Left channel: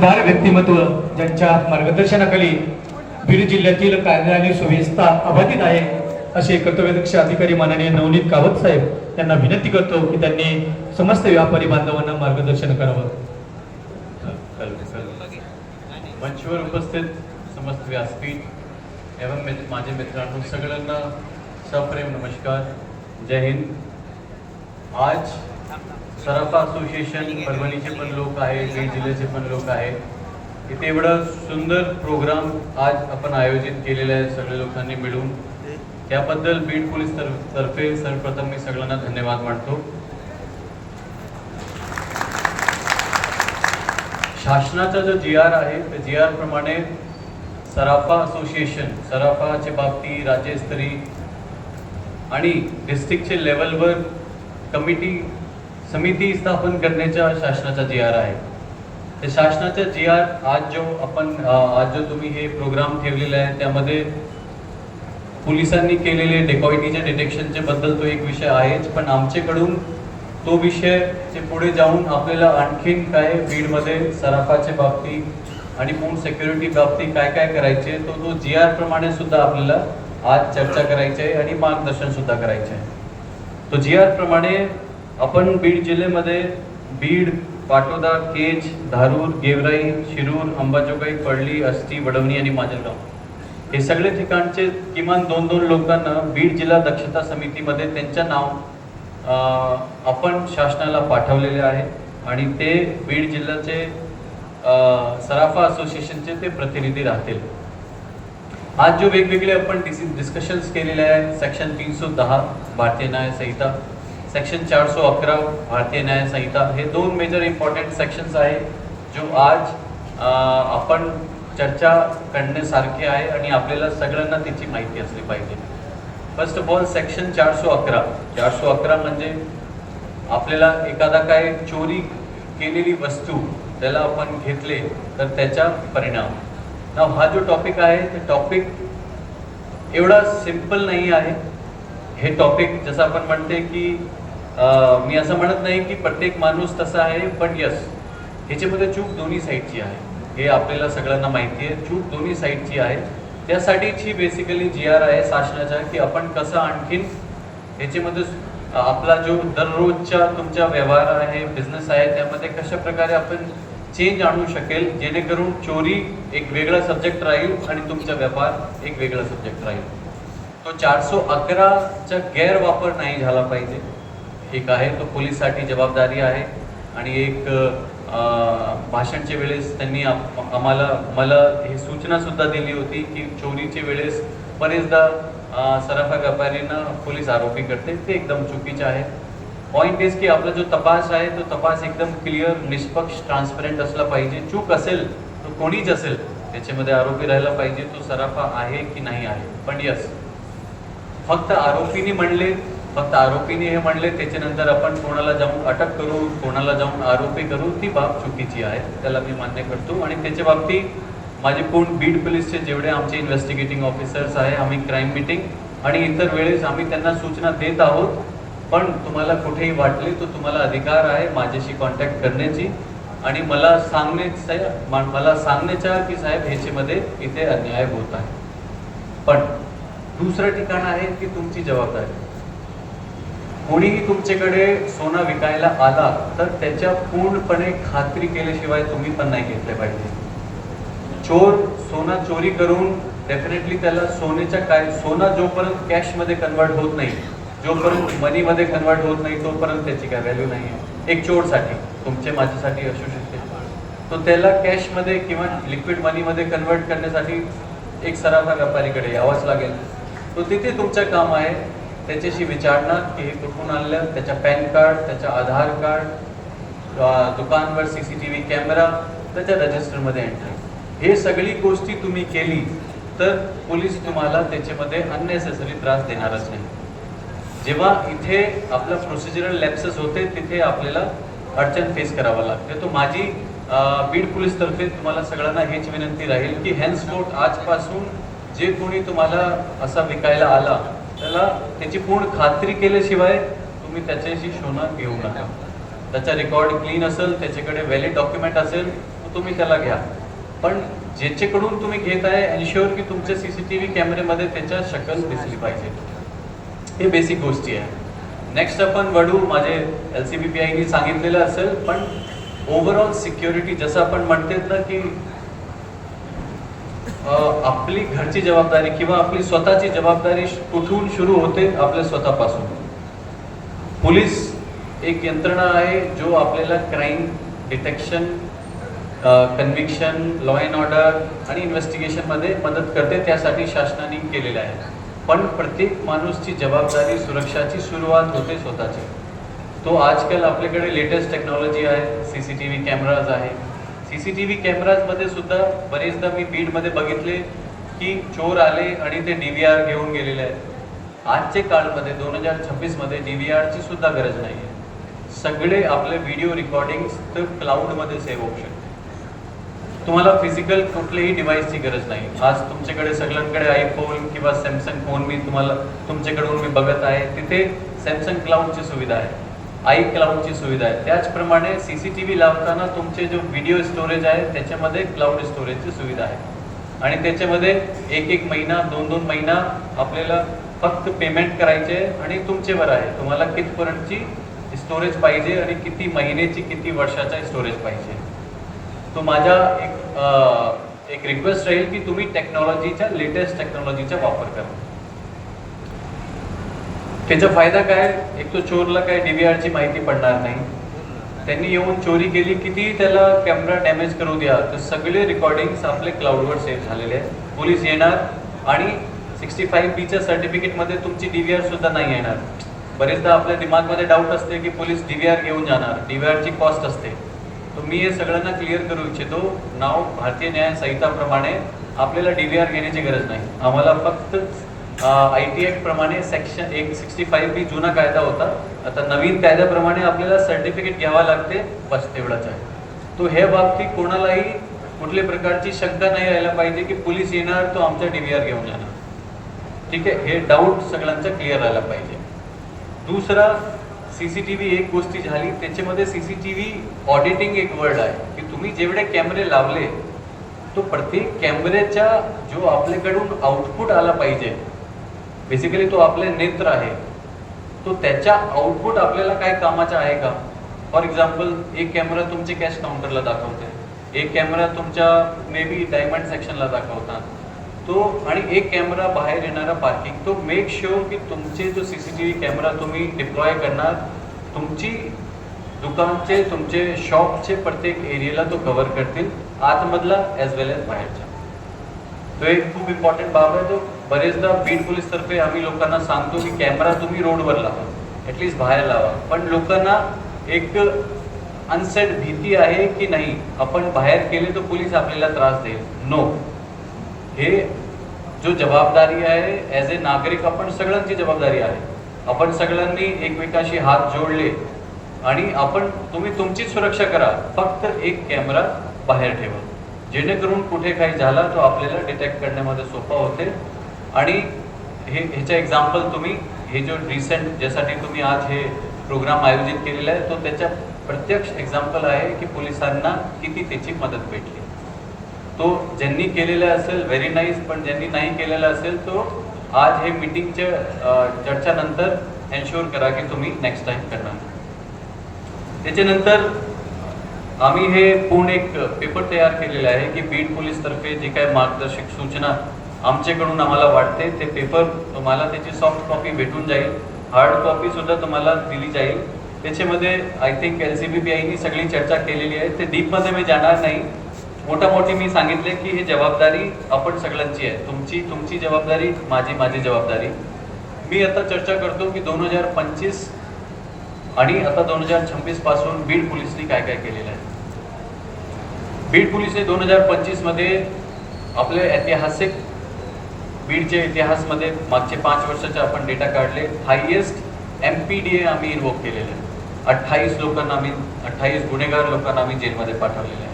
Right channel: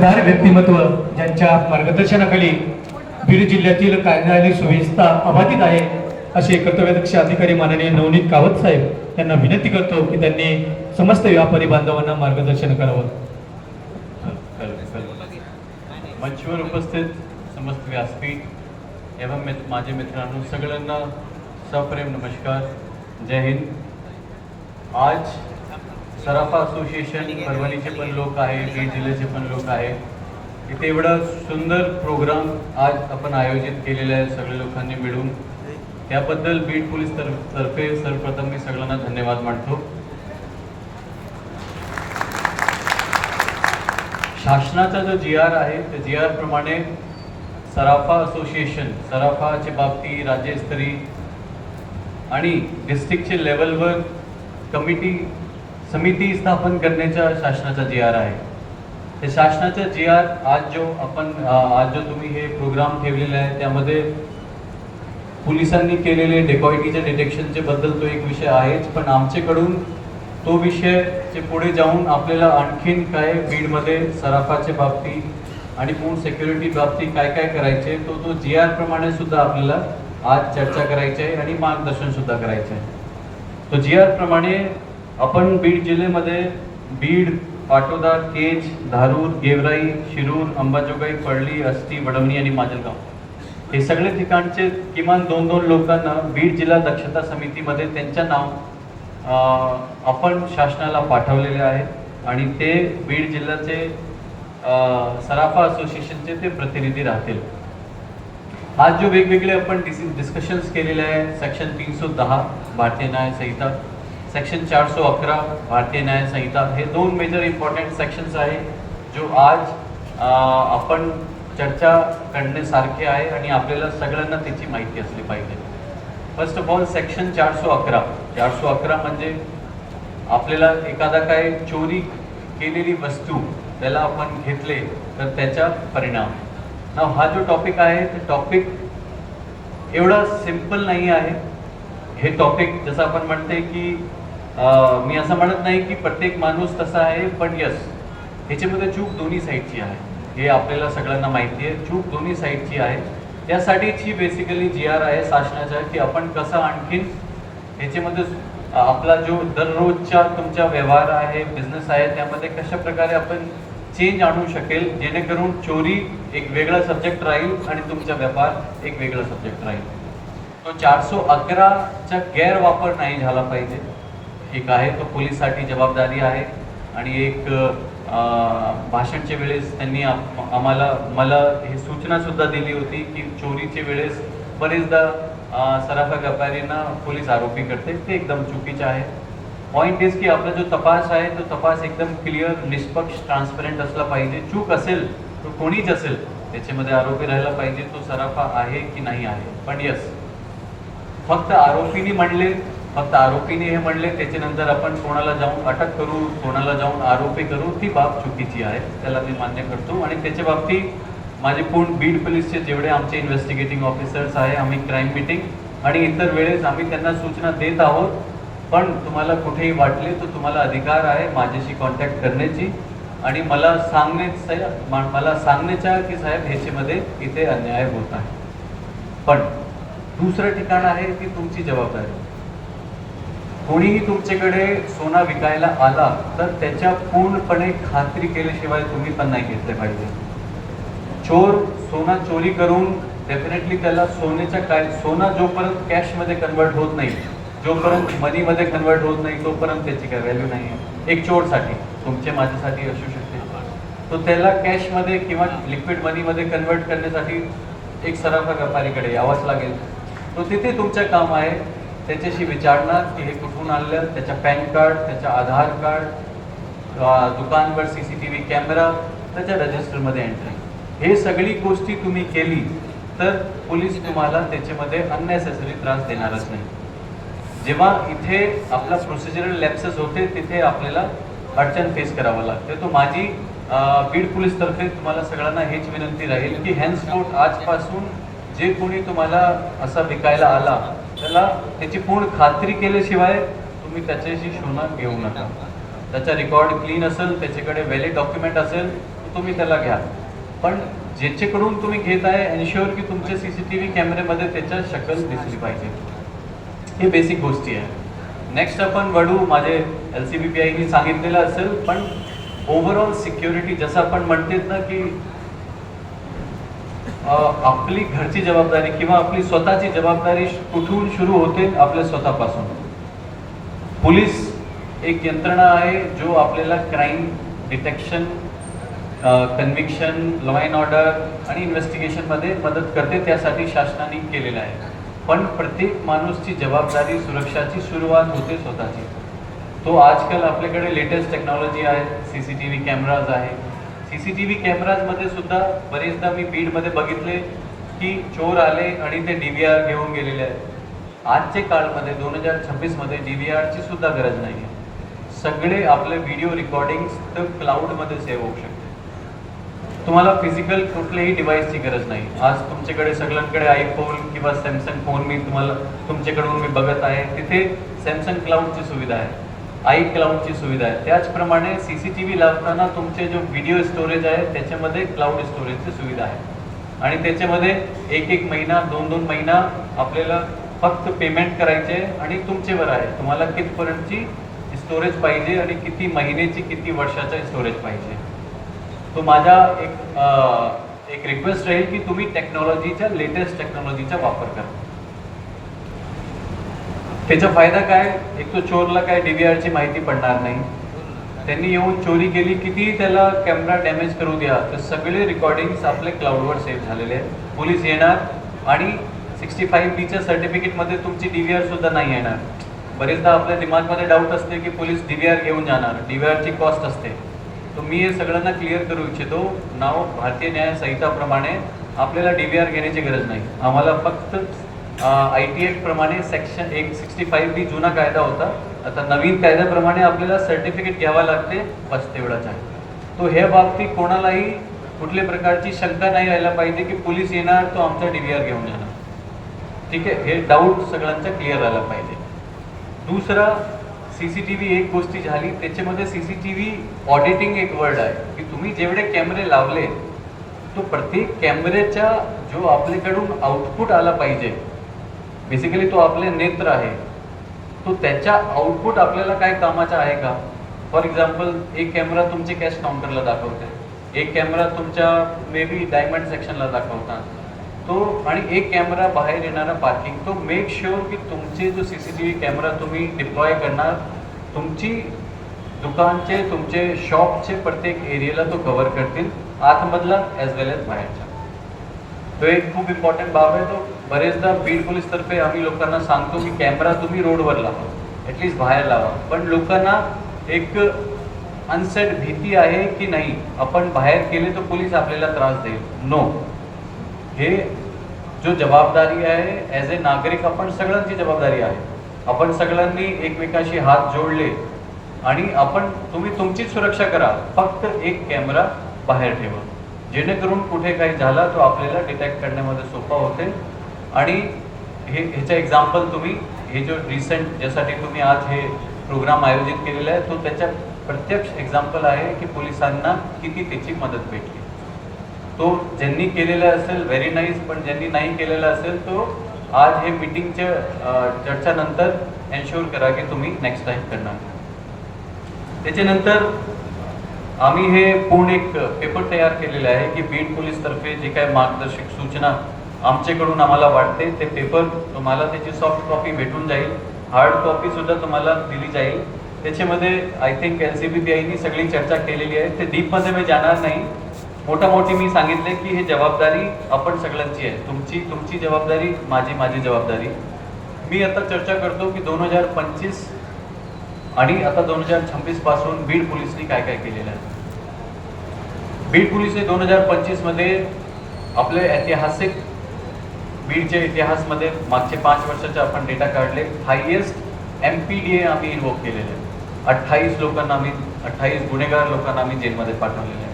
समजदार व्यक्तिमत्व ज्यांच्या मार्गदर्शनाखाली बीड जिल्ह्यातील कायदा आणि सुव्यवस्था अबाधित आहे असे कर्तव्यदक्ष अधिकारी माननीय नवनीत कावत साहेब यांना विनंती करतो की त्यांनी समस्त व्यापारी बांधवांना मार्गदर्शन करावं. मंचवर उपस्थित समस्त व्यासपीठ एवं माझे मित्रांनो सगळ्यांना सप्रेम नमस्कार. जय हिंद. आज सराफा असोसिएशन परभणीचे पण लोक आहे, बीड जिल्ह्याचे पण लोक आहे. इथे एवढा सुंदर प्रोग्राम आज आपण आयोजित केलेला आहे सगळ्या लोकांनी मिळून. त्याबद्दल बीड पोलीस तर्फे सर्वप्रथम मी सगळ्यांना धन्यवाद मानतो. शासनाचा जो GR आहे त्या GR प्रमाणे सराफा असोसिएशन सराफाच्या बाबतीत राज्यस्तरीय आणि डिस्ट्रिक्टचे लेवलवर कमिटी समिती स्थापन करण्याचा शासनाचा GR आहे. ते शासनाचा GR आज जो तुम्ही हे प्रोग्राम ठेवलेला आहे त्यामध्ये पोलिसांनी केलेले डेकॉइटीच्या डिटेक्शनचे बद्दल तो एक विषय आहेच, पण आमच्याकडून तो विषयचे पुढे जाऊन आपल्याला आणखीन काय बीडमध्ये सराफाच्या बाबतीत आणि पूर्ण सिक्युरिटी बाबतीत काय काय करायचे तो GR प्रमाणे सुद्धा आपल्याला आज चर्चा करायची आहे आणि मार्गदर्शन सुद्धा करायचे आहे. तो GR प्रमाणे आपण बीड जिल्ह्यामध्ये बीड, पाटोदा, केज, धारूर, गेवराई, शिरूर, अंबाजोगाई, पडली, आष्टी, वडवणी आणि माजलगाव हे सगळे ठिकाणचे किमान 2-2 लोकांना बीड जिल्हा दक्षता समितीमध्ये त्यांचं नाव आपण शासनाला पाठवलेले आहे आणि ते बीड जिल्ह्याचे सराफा असोसिएशनचे ते प्रतिनिधी राहतील. आज जो वेगवेगळे आपण डिस्कशन्स केलेले आहे सेक्शन 310 भारतीय न्याय संहिता, सेक्शन 411 भारतीय न्याय संहिता हे 2 मेजर इम्पॉर्टंट सेक्शन्स आहे जो आज आपण चर्चा करण्यासारखे आहे आणि आपल्याला सगळ्यांना त्याची माहिती असली पाहिजे. फर्स्ट ऑफ ऑल सेक्शन 411 म्हणजे आपल्याला एखादा काय चोरी केलेली वस्तू त्याला आपण घेतले तर त्याचा परिणाम. हा जो टॉपिक आहे ते टॉपिक एवढा सिंपल नाही आहे. हे टॉपिक जसं आपण म्हणते की मी असं म्हणत नाही की प्रत्येक माणूस तसा आहे, पण यस ह्याच्यामध्ये चूक दोन्ही साईडची आहे हे आपल्याला सगळ्यांना माहिती आहे. चूक दोन्ही साईडची आहे. त्यासाठीची बेसिकली GR आहे शासनाचा की आपण कसं आणखीन ह्याच्यामध्ये आपला जो दररोजचा तुमचा व्यवहार आहे, बिझनेस आहे त्यामध्ये कशा प्रकारे आपण चेंज आणू शकेल जेणेकरून चोरी एक वेगळा सब्जेक्ट राहील आणि तुमचा व्यापार एक वेगळा सब्जेक्ट राहील. तो 411चा गैरवापर नाही झाला पाहिजे. एक आहे तो पोलिसांसाठी जबाबदारी आहे आणि एक भाषणच्या वेळेस त्यांनी मला हे सूचना सुद्धा दिली होती की चोरीच्या वेळेस बरेचदा सराफा व्यापाऱ्यांना पोलीस आरोपी करते, ते एकदम चुकीचं आहे. पॉईंट इज की आपला जो तपास आहे तो तपास एकदम क्लिअर, निष्पक्ष, ट्रान्सपरंट असला पाहिजे. चूक असेल तो कोणीच असेल त्याच्यामध्ये आरोपी राहायला पाहिजे तो सराफा आहे की नाही आहे. पण यस फक्त आरोपीने हे म्हणले त्याच्यानंतर आपण कोणाला जाऊन अटक करू, कोणाला जाऊन आरोपी करू ती बाब चुकीची आहे, त्याला मी मान्य करतो. आणि त्याच्या बाबतीत माझे पूर्ण बीड पोलीसचे जेवढे आमचे इन्व्हेस्टिगेटिंग ऑफिसर्स आहे आम्ही क्राईम मीटिंग आणि इतर वेळेस आम्ही त्यांना सूचना देत आहोत. पण तुम्हाला कुठेही वाटले तर तुम्हाला अधिकार आहे माझ्याशी कॉन्टॅक्ट करण्याची आणि मला सांगण्याचा की साहेब ह्याच्यामध्ये इथे अन्याय होत आहे. पण दुसरं ठिकाण आहे की तुमची जबाबदारी. कोणीही तुमच्याकडे सोना विकायला आला तर त्याच्या पूर्णपणे खात्री केल्याशिवाय तुम्ही पण नाही घेतलं पाहिजे. चोर सोना चोरी करून डेफिनेटली त्याला सोना जोपर्यंत कॅशमध्ये कन्वर्ट होत नाही, जोपर्यंत मनीमध्ये कन्वर्ट होत नाही तोपर्यंत त्याची काय व्हॅल्यू नाही आहे. एक चोरसाठी तुमच्या माझ्यासाठी असू शकते, तो त्याला कॅशमध्ये किंवा लिक्विड मनीमध्ये कन्वर्ट करण्यासाठी एक सराफा व्यापारीकडे यावंच लागेल. तो तिथे तुमचं काम आहे त्याच्याशी विचारणार की हे कुठून आणलं, त्याच्या पॅन कार्ड, त्याच्या आधार कार्ड, दुकानवर CCTV कॅमेरा, त्याच्या रजिस्टरमध्ये एंट्री, हे सगळी गोष्टी तुम्ही केली तर पोलीस तुम्हाला त्याच्यामध्ये अननेसेसरी त्रास देणारच नाही. जेव्हा इथे आपला प्रोसिजरल लॅप्सेस होते तिथे आपल्याला अडचण फेस करावं लागते. तो माझी बीड पोलीस तर्फे तुम्हाला सगळ्यांना हेच विनंती राहील की हॅन्सफोर्थ आजपासून जे कोणी तुम्हाला असा विकायला आला त्याला त्याची पूर्ण खात्री केल्याशिवाय तुम्ही त्याच्याशी सोनं घेऊ नका. त्याचा रेकॉर्ड क्लीन असेल, त्याच्याकडे व्हॅलिड डॉक्युमेंट असेल, तुम्ही त्याला घ्या, पण ज्याच्याकडून तुम्ही घेत आहे एन्श्योर की तुमच्या CCTV कॅमेऱ्यामध्ये त्याच्या शक्ल दिसली पाहिजे. हे बेसिक गोष्टी आहे. नेक्स्ट आपण वडू माझे LCBPIनी सांगितलेलं असेल, पण ओव्हरऑल सिक्युरिटी जसं आपण म्हणतात ना की आपली घरची जबाबदारी किंवा आपली स्वतःची जबाबदारी कुठून सुरू होते? आपल्या स्वतःपासून. पोलीस एक यंत्रणा आहे जो आपल्याला crime detection, conviction, law and order आणि इन्व्हेस्टिगेशनमध्ये मदत करते. त्यासाठी शासनाने केलेलं आहे. पण प्रत्येक माणूसची जबाबदारी सुरक्षाची सुरुवात होते स्वतःची. तो आजकाल आपल्याकडे लेटेस्ट टेक्नॉलॉजी आहे, CCTV कॅमेराज आहे. CCTV कॅमेराजमध्ये सुद्धा बरेचदा मी बीडमध्ये बघितले की चोर आले आणि ते DVR घेऊन गेलेले आहेत. आजच्या काळामध्ये 2026मध्ये DVRची सुद्धा गरज नाही आहे. सगळे आपले व्हिडिओ रेकॉर्डिंग्स तर क्लाउडमध्ये सेव्ह होऊ शकते. तुम्हाला फिजिकल कुठल्याही डिव्हाइसची गरज नाही. आज तुमच्याकडे सगळ्यांकडे आयफोन किंवा सॅमसंग फोन तुमच्याकडून मी बघत आहे, तिथे सॅमसंग क्लाउडची सुविधा आहे, iCloudची सुविधा आहे. त्याचप्रमाणे CCTV लावताना तुमचे जो व्हिडिओ स्टोरेज आहे त्याच्यामध्ये क्लाउड स्टोरेजची सुविधा आहे. आणि त्याच्यामध्ये एक महिना, 2 महिना आपल्याला फक्त पेमेंट करायचे आहे आणि तुमच्यावर आहे तुम्हाला कितपर्यंतची स्टोरेज पाहिजे आणि किती महिन्याची, किती वर्षाचा स्टोरेज पाहिजे. तो माझा एक रिक्वेस्ट राहील की तुम्ही टेक्नॉलॉजीच्या, लेटेस्ट टेक्नॉलॉजीचा वापर करा. त्याचा फायदा काय? एक तो चोरला काय DVRची माहिती पडणार नाही. त्यांनी येऊन चोरी केली, किती त्याला कॅमेरा डॅमेज करू द्या, तर सगळे रेकॉर्डिंग्स आपले क्लाउडवर सेव्ह झालेले आहेत. पोलीस येणार आणि 65B सर्टिफिकेटमध्ये तुमची DVR सुद्धा नाही येणार. बरेचदा आपल्या दिमागमध्ये डाऊट असते की पोलीस DVR घेऊन जाणार, DVRची कॉस्ट असते. तर मी हे सगळ्यांना क्लिअर करू इच्छितो. नाव भारतीय न्याय संहिताप्रमाणे आपल्याला DVR घेण्याची गरज नाही. आम्हाला फक्त IT ऍक्ट प्रमाणे सेक्शन 165B जुना कायदा होता, आता नवीन कायद्याप्रमाणे आपल्याला सर्टिफिकेट घ्यावं लागते, बस तेवढाच आहे. तो ह्या बाबतीत कोणालाही कुठल्या प्रकारची शंका नाही यायला पाहिजे की पोलीस येणार तो आमचा DVR घेऊन येणार. ठीक आहे, हे डाऊट सगळ्यांचा क्लिअर झाला पाहिजे. दुसरा CCTV एक गोष्टी झाली, त्याच्यामध्ये CCTV ऑडिटिंग एक वर्ड आहे की तुम्ही जेवढे कॅमेरे लावले तो प्रत्येक कॅमेऱ्याचा जो आपल्याकडून आउटपुट आला पाहिजे, बेसिकली तो आपले नेत्र आहे, तो त्याच्या आउटपुट आपल्याला काय कामाचा आहे का? फॉर एक्झाम्पल एक कॅमेरा तुमचे कॅश काउंटरला दाखवते, एक कॅमेरा तुमच्या मे बी डायमंड सेक्शनला दाखवतात तो, आणि एक कॅमेरा बाहेर येणारा पार्किंग. तो मेक शुअर की तुमचे जो CCTV कॅमेरा तुम्ही डिप्लॉय करणार, तुमची दुकानचे, तुमचे शॉपचे प्रत्येक एरियाला तो कव्हर करतील, आतमधला ॲज वेल ॲज बाहेरचा. तो एक खूप इम्पॉर्टंट बाब आहे. तो बरेचदा बीड पोलीसतर्फे आम्ही लोकांना सांगतो की कॅमेरा तुम्ही रोडवर लावा, ॲटलिस्ट बाहेर लावा. पण लोकांना एक अनसेट भीती आहे की नाही आपण बाहेर केले तर पोलीस आपल्याला त्रास देईल. नो, हे जो जबाबदारी आहे ॲज ए नागरिक आपण सगळ्यांची जबाबदारी आहे. आपण सगळ्यांनी एकमेकांशी हात जोडले आणि तुम्ही तुमची सुरक्षा करा. फक्त एक कॅमेरा बाहेर ठेवा, जेणेकरून कुठे काही झाला तो आपल्याला डिटेक्ट करण्यामध्ये सोपा होते. आणि ह्याचा एक्झाम्पल तुम्ही हे जो रिसेंट ज्यासाठी तुम्ही आज हे प्रोग्राम आयोजित केलेला आहे, तो त्याच्या प्रत्यक्ष एक्झाम्पल आहे की पोलिसांना किती त्याची मदत भेटली. तो ज्यांनी केलेला असेल व्हेरी नाईस, पण ज्यांनी नाही केलेला असेल तो आज हे मीटिंगच्या चर्चानंतर एन्श्योर करा की तुम्ही नेक्स्ट टाइम करणार. त्याच्यानंतर आम्ही हे पूर्ण एक पेपर तयार केलेला आहे की बीड पोलीसतर्फे जे काय मार्गदर्शक सूचना आमच्याकडून आम्हाला वाटते ते पेपर तुम्हाला त्याची सॉफ्ट कॉपी भेटून जाईल, हार्ड कॉपी सुद्धा तुम्हाला दिली जाईल. त्याच्यामध्ये आय थिंक LCBPIनी सगळी चर्चा केलेली आहे, ते डीपमध्ये मी जाणार नाही. मोठी मी सांगितले की हे जबाबदारी आपण सगळ्यांची आहे, तुमची जबाबदारी, माझी जबाबदारी. मी आता चर्चा करतो की 2025 आणि आता 2026 पासून बीड पोलिसनी काय काय केलेलं आहे. बीड पोलिसने 2025 मध्ये आपले ऐतिहासिक बीडच्या इतिहासमध्ये मागचे 5 वर्षाचे आपण डेटा काढले. हायएस्ट MPDA आम्ही इन्व्होक केलेले आहे. 28 लोकांना आम्ही 28 गुन्हेगार लोकांना आम्ही जेलमध्ये पाठवलेले आहे.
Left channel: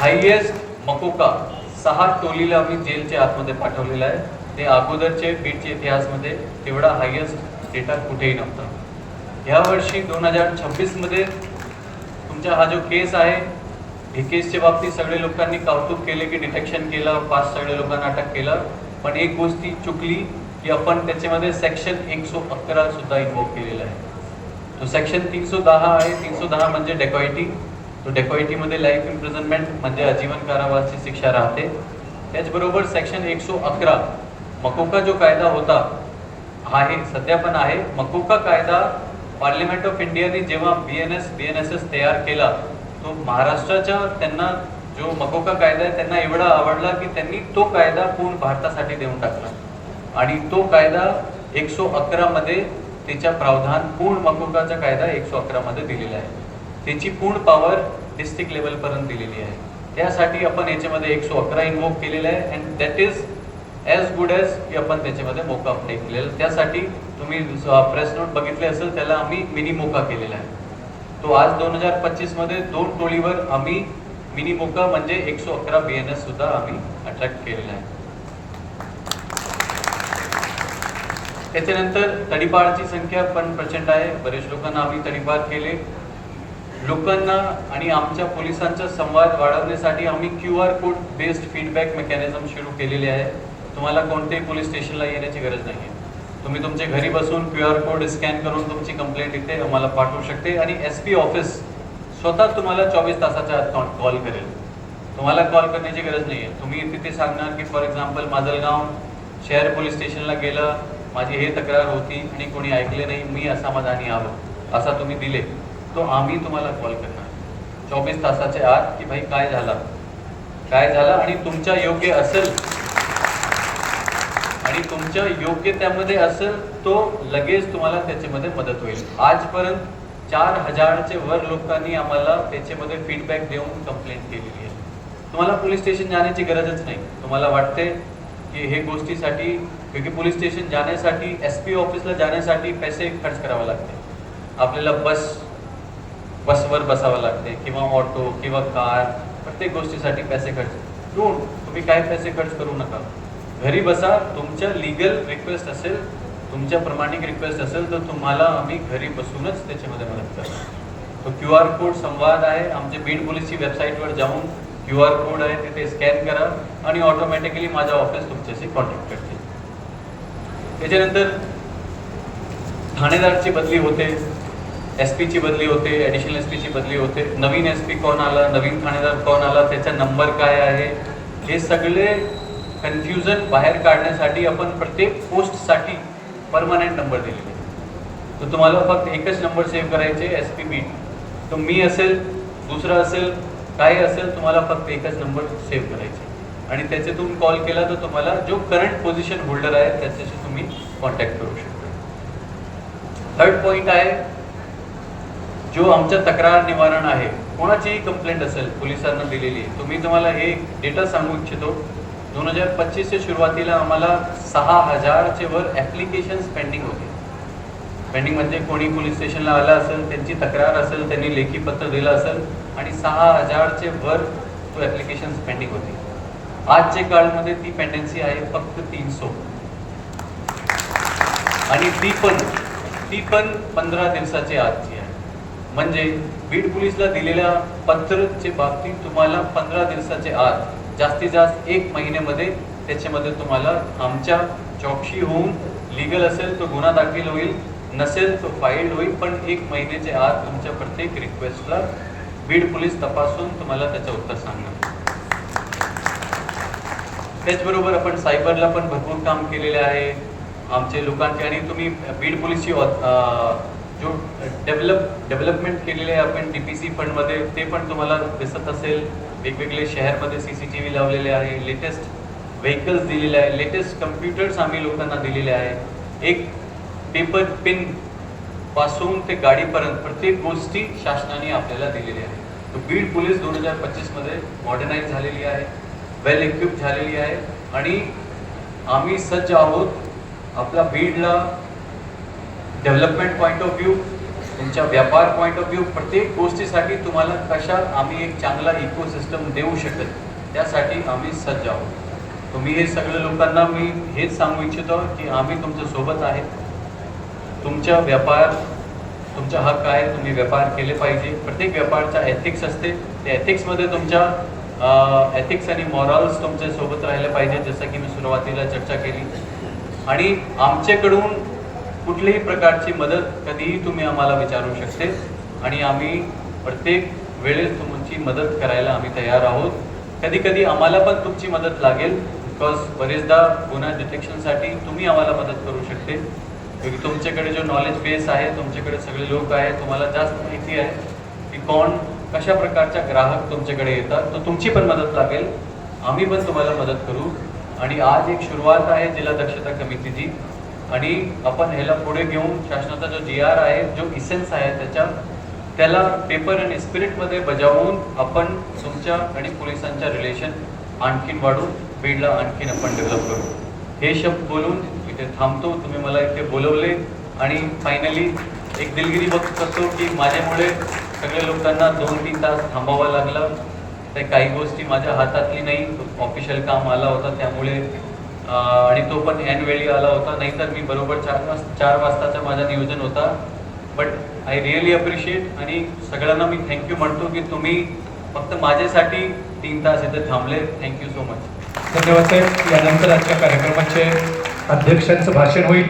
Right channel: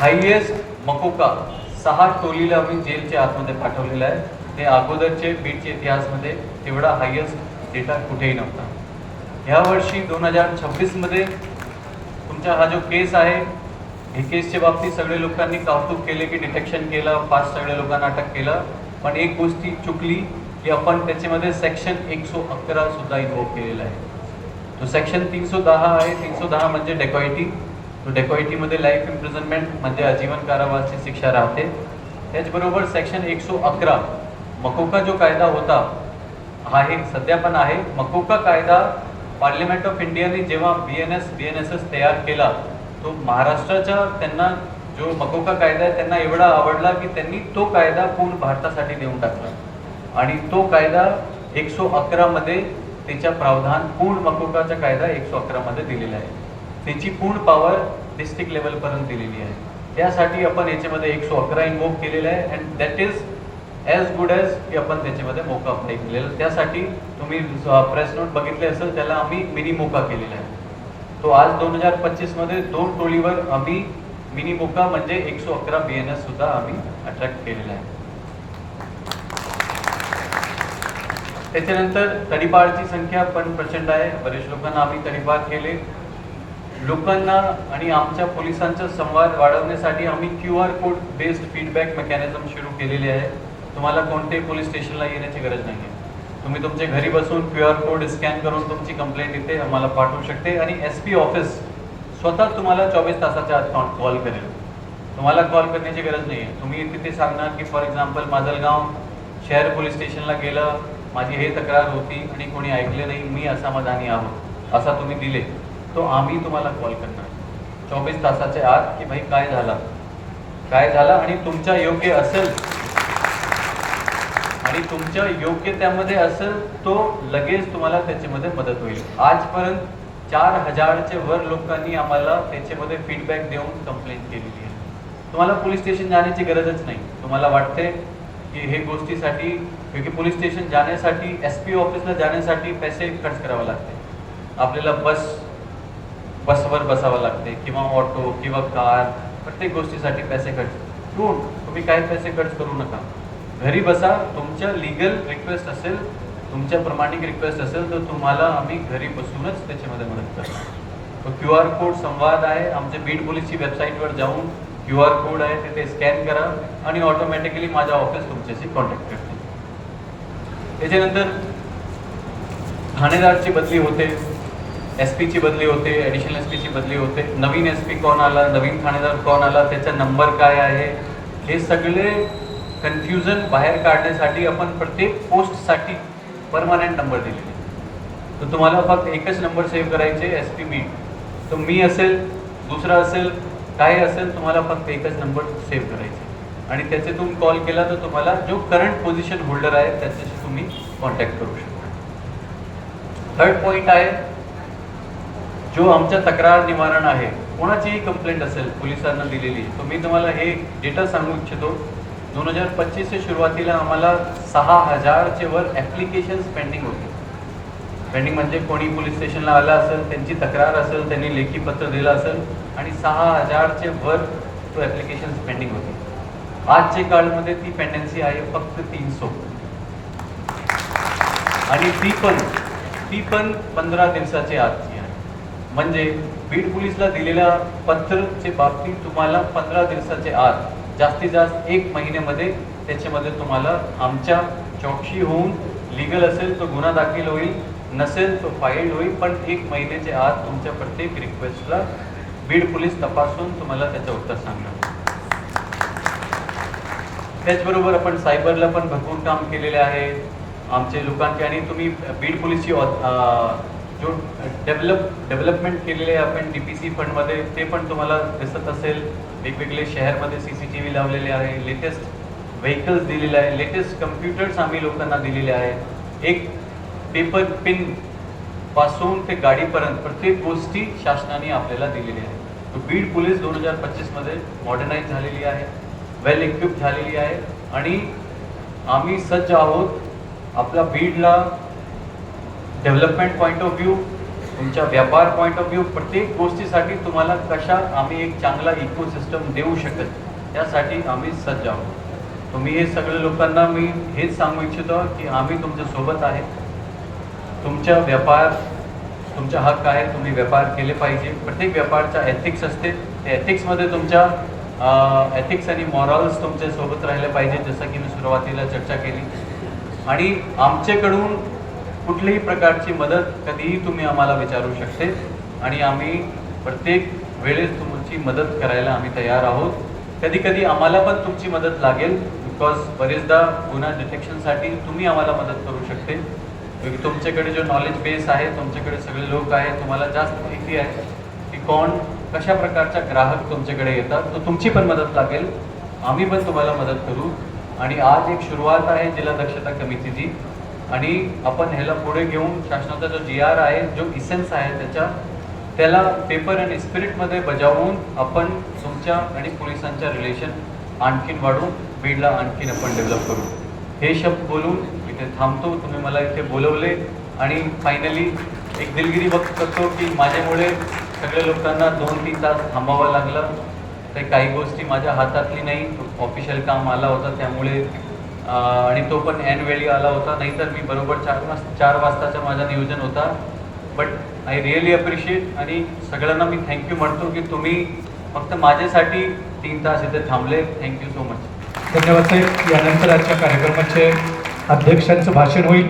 हायएस्ट मकोका 6 टोलीला आम्ही जेलच्या आतमध्ये पाठवलेलं आहे. ते अगोदरचे बीडच्या इतिहासमध्ये तेवढा हायएस्ट डेटा कुठेही नव्हता. या वर्षी 2026 मध्ये तुमचा हा जो केस आहे, ही केसच्या बाबतीत सगळे लोकांनी कौतुक केले की डिटेक्शन केलं, 5 सगळ्या लोकांना अटक केलं. पण एक गोष्टी चुकली की आपण त्याच्यामध्ये सेक्शन 111 सुद्धा इन्व्होक केलेला आहे. तो सेक्शन 310 आहे. 310 म्हणजे डेकॉइटी. तो डेकॉइटीमध्ये लाईफ इम्प्रिझनमेंट म्हणजे आजीवन कारावासाची शिक्षा राहते. त्याचबरोबर सेक्शन 111 मकोका जो कायदा होता आहे, सध्या पण आहे. मकोका कायदा पार्लिमेंट ऑफ इंडियाने जेव्हा BNSS तयार केला, तो महाराष्ट्राच्या त्यांना जो मकोका कायदा आहे त्यांना एवढा आवडला की त्यांनी तो कायदा पूर्ण भारतासाठी देऊन टाकला आणि तो कायदा 111 मध्ये त्याच्या प्रावधान पूर्ण मकोकाचा कायदा 111 मध्ये दिलेला आहे. त्याची पूर्ण पॉवर डिस्ट्रिक्ट लेवलपर्यंत दिलेली आहे. त्यासाठी आपण याच्यामध्ये 111 इन्व्होक केलेला आहे and that is as good as की आपण त्याच्यामध्ये मोका अप्लाय केलेला. त्यासाठी तुम्ही प्रेस नोट बघितले असेल, त्याला आम्ही मिनी मोका केलेला आहे. तो आज 2025 मध्ये 2 टोळीवर आम्ही मिनी मोका म्हणजे 111 BNS सुद्धा आम्ही अट्रॅक्ट केलेला आहे. त्याच्यानंतर तडीपारची संख्या पण प्रचंड आहे. बरेच लोकांना आम्ही तडीपार केले. लोकांना आणि आमच्या पोलिसांचा संवाद वाढवण्यासाठी आम्ही QR code based feedback mechanism सुरू केलेले आहे. तुम्हाला कोणत्याही पोलीस स्टेशनला येण्याची गरज नाही आहे. तुम्ही तुमच्या घरी बसून QR कोड स्कॅन करून तुमची कंप्लेंट इथे आम्हाला पाठवू शकते आणि SP ऑफिस स्वतः तुम्हाला 24 तासाच्या आत कॉल करेल. तुम्हाला कॉल करण्याची गरज नाही आहे. तुम्ही तिथे सांगणार की फॉर एक्झाम्पल माजलगाव शहर पोलीस स्टेशनला गेलं, माझी हे तक्रार होती आणि कोणी ऐकले नाही, मी असमाधानी आहोत, असा तुम्ही दिले, तो आम्ही तुम्हाला कॉल करणार 24 तासाच्या आत की भाई काय झालं आणि तुमच्या योग्य असेल आणि तुमच्या योग्य त्यामध्ये असेल तो लगेच तुम्हाला त्याच्यामध्ये मदत होईल. आजपर्यंत 4000चे वर लोकांनी आम्हाला त्याच्यामध्ये फीडबॅक देऊन कंप्लेंट केलेली आहे. तुम्हाला पोलीस स्टेशन जाण्याची गरजच नाही. तुम्हाला वाटते की हे गोष्टीसाठी, क्योंकि पोलीस स्टेशन जाण्यासाठी SP ऑफिसला जाण्यासाठी पैसे खर्च करावे लागते. आपल्याला बसवर बसावं लागते किंवा ऑटो किंवा कार, प्रत्येक गोष्टीसाठी पैसे खर्च करून तुम्ही काय पैसे खर्च करू नका. घरी बसा. तुमच्या लीगल रिक्वेस्ट असेल, तुमच्या प्रमाणिक रिक्वेस्ट असेल तर तुम्हाला आम्ही घरी बसूनच त्याच्यामध्ये मदत करतो. तो QR कोड संवाद आहे. आमच्या बीड पोलीसची वेबसाईटवर जाऊन QR कोड आहे, तिथे स्कॅन करा आणि ऑटोमॅटिकली माझा ऑफिस तुमच्याशी कॉन्टॅक्ट करते. त्याच्यानंतर ठाणेदारची बदली होते, SP ची बदली होते, ॲडिशनल SP ची बदली होते. नवीन SP कोण आला, नवीन ठाणेदार कोण आला, त्याचा नंबर काय आहे, हे सगळे कन्फ्युजन बाहेर काढण्यासाठी आपण प्रत्येक पोस्टसाठी परमनंट नंबर दिलेले. तर तुम्हाला फक्त एकच नंबर सेव्ह करायचे, SP बीड. तर मी असेल, दुसरा असेल, काय असेल, तुम्हाला फक्त एकच नंबर सेव्ह करायचे आणि त्याच्यातून कॉल केला तर तुम्हाला जो करंट पोझिशन होल्डर आहे त्याच्याशी तुम्ही कॉन्टॅक्ट करू शकता. थर्ड पॉईंट आहे जो आमचा तक्रार निवारण आहे. कोणाचीही कंप्लेंट असेल पोलिसांना दिलेली, तुम्ही तुम्हाला हे डेटा सांगू इच्छितो. 2025च्या सुरुवातीला आम्हाला 6000चे वर ॲप्लिकेशन्स पेंडिंग होते. पेंडिंग म्हणजे कोणी पोलीस स्टेशनला आला असेल, त्यांची तक्रार असेल, त्यांनी लेखी पत्र दिलं असेल आणि 6000चे वर तो ॲप्लिकेशन्स पेंडिंग होती. आजच्या काळामध्ये ती पेंडन्सी आहे फक्त 300 आणि ती पण 15 दिवसाची आजची आहे. म्हणजे बीड पोलीसला दिलेल्या पत्रचे बाबतीत तुम्हाला 15 दिवसाच्या आत, जास्तीत जास्त 1 महिन्यामध्ये त्याच्यामध्ये तुम्हाला आमच्या चौकशी होऊन, लीगल असेल तो गुन्हा दाखल होईल, नसेल तो फाईल्ड होईल, पण 1 महिन्याच्या आत तुमच्या प्रत्येक रिक्वेस्टला बीड पोलीस तपासून तुम्हाला त्याचं उत्तर सांगणार. त्याचबरोबर आपण सायबरला पण भरपूर काम केलेले आहे आमचे लोकांचे. आणि तुम्ही बीड पोलीसची जो डेव्हलपमेंट केलेले आहे आपण DPC फंडमध्ये, ते पण तुम्हाला दिसत असेल. वेगवेगळे शहरमध्ये CCTV लावलेले आहे, लेटेस्ट व्हेकल्स दिलेले आहे, लेटेस्ट कम्प्युटर्स आम्ही लोकांना दिलेले आहे. एक पेपर पिन पासून ते गाडीपर्यंत प्रत्येक गोष्टी शासनाने आपल्याला दिलेली आहे. तर बीड पोलीस 2025 मध्ये मॉडर्नाइज झालेली आहे, वेल इक्विप झालेली आहे आणि आम्ही सज्ज आहोत आपला बीडला डेव्हलपमेंट पॉईंट ऑफ व्ह्यू, तुमच्या व्यापार पॉईंट ऑफ व्ह्यू, प्रत्येक गोष्टीसाठी तुम्हाला कशा आम्ही एक चांगला इकोसिस्टम देऊ शकेल त्यासाठी आम्ही सज्ज आहोत. तुम्ही हे सगळ्या लोकांना मी हेच सांगू इच्छितो की आम्ही तुमच्या सोबत आहे. तुमच्या व्यापार तुमचा हक्क आहे, तुम्ही व्यापार केले पाहिजे. प्रत्येक व्यापारचा एथिक्स असते, त्या एथिक्समध्ये तुमच्या एथिक्स आणि मॉरल्स तुमच्या सोबत राहिले पाहिजे, जसं की मी सुरुवातीला चर्चा केली. आणि आमच्याकडून कुठल्याही प्रकारची मदत कधीही तुम्ही आम्हाला विचारू शकते आणि आम्ही प्रत्येक वेळेस तुमची मदत करायला आम्ही तयार आहोत. कधी कधी आम्हाला पण तुमची मदत लागेल, बिकॉज बरेचदा गुन्हा डिटेक्शनसाठी तुम्ही आम्हाला मदत करू शकते. क्योंकि तुमच्याकडे जो नॉलेज बेस आहे, तुमच्याकडे सगळे लोक आहेत, तुम्हाला जास्त माहिती आहे की कोण कशा प्रकारचा ग्राहक तुमच्याकडे येतात, तर तुमची पण मदत लागेल, आम्ही पण तुम्हाला मदत करू. आणि आज एक सुरुवात आहे जिल्हा दक्षता समितीची आणि आपण ह्याला पुढे घेऊन शासनाचा जो GR आहे, जो इसेन्स आहे त्याला पेपर आणि स्पिरिटमध्ये बजावून आपण तुमच्या आणि पोलिसांच्या रिलेशन आणखीन वाढवून बीडला आणखीन आपण डेव्हलप करू. हे शब्द बोलून इथे थांबतो. तुम्ही मला इथे बोलवले आणि फायनली एक दिलगिरी व्यक्त करतो की माझ्यामुळे सगळ्या लोकांना 2-3 तास थांबावं लागलं. ते काही गोष्टी माझ्या हातातली नाही, ऑफिशियल काम आला होता त्यामुळे आणि तो पण ऐन वेळी आला होता, नाहीतर मी बरोबर 4 वाजताचा माझा नियोजन होता. बट आय रिअली अप्रिशिएट आणि सगळ्यांना मी थँक्यू म्हणतो की तुम्ही फक्त माझ्यासाठी 3 तास इथे थांबले. Thank you so much. धन्यवाद साहेब. यानंतर आजच्या कार्यक्रमाचे अध्यक्षांचं भाषण होईल.